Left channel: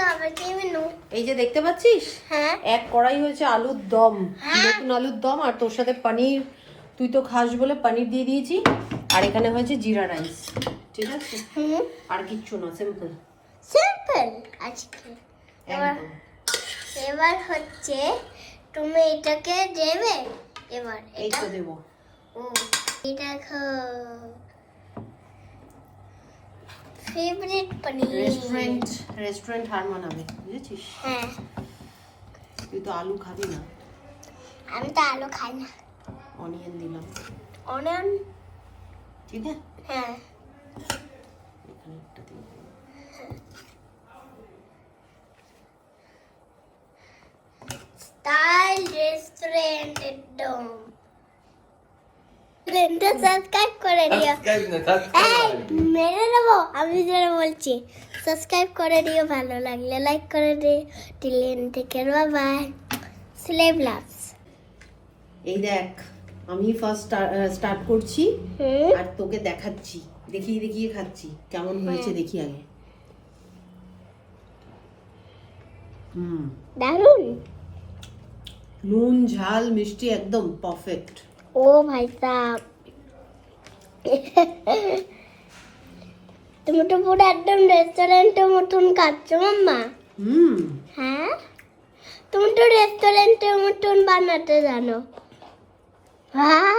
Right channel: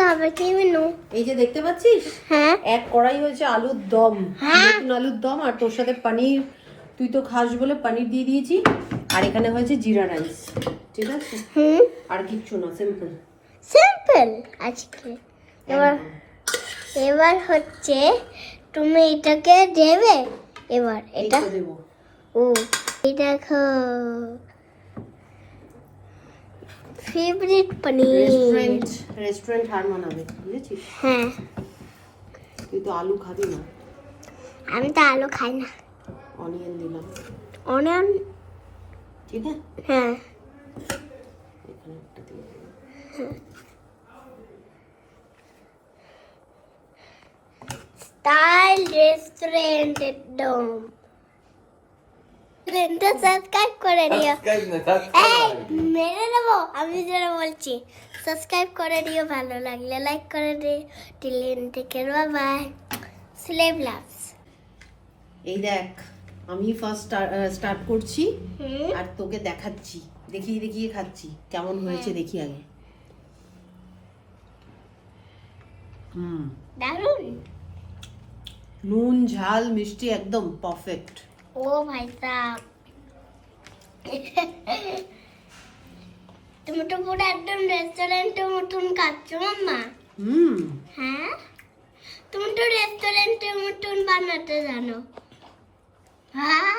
খাবে কি মেনু? এই যে দেখতে পাচ্ছিস, হ্যাঁ এক কড়াই হয়েছে আলুর দম, নতুন আলুর দম, আর তোর সাথে পনির, তুই তো খাস বলে পনির দিয়ে দিয়েছি। আর এখানে হয়েছে জিরা রাইস, ঠিক আছে? আর কিচ্ছু না, সিম্পল সিম্পল আজকে। এবার হচ্ছে তুমি এটাকে দেবে, এবার এটা দেবো। ও এই দেখো ফেভারিট পনির। রেস্টুরেন্ট হার মানাবে, বুঝেছিস? হ্যাঁ তুই তো আলু খাবি না। আমি তো আলু খাই না। অনিয়ন দিলাম, অনিয়ন, ঠিক আছে? হ্যাঁ এখানে একটু দিয়ে দিলাম। স্টাইল রেস্টুরেন্ট একদম। সাবস্ক্রাইব করে দিও। মেরে নেবো, আমি যেটা বলছি সাবস্ক্রাইব করে দিও, ভালো লাগলে লাইক করে দিও। টিলেন থেকে বাই, স্লেভ লাভস। এই দেখ, আমি ফার্স্ট স্টার্ট করছি আর তোকে দেখাচ্ছি, দেখিয়ে দেখিয়ে খাচ্ছি কেমন হয়েছে দেখি আগে। দারুন, নুন ঝাল মিষ্টি একদম পারফেক্ট। ও ভাই সাহেব, তুমি তো পুরো একদম রেস্টুরেন্টের মতন খাচ্ছ মাম্মা। হ্যাঁ, তুমি তো রেস্টুরেন্টের মতন বানাতে জানো। হ্যাঁ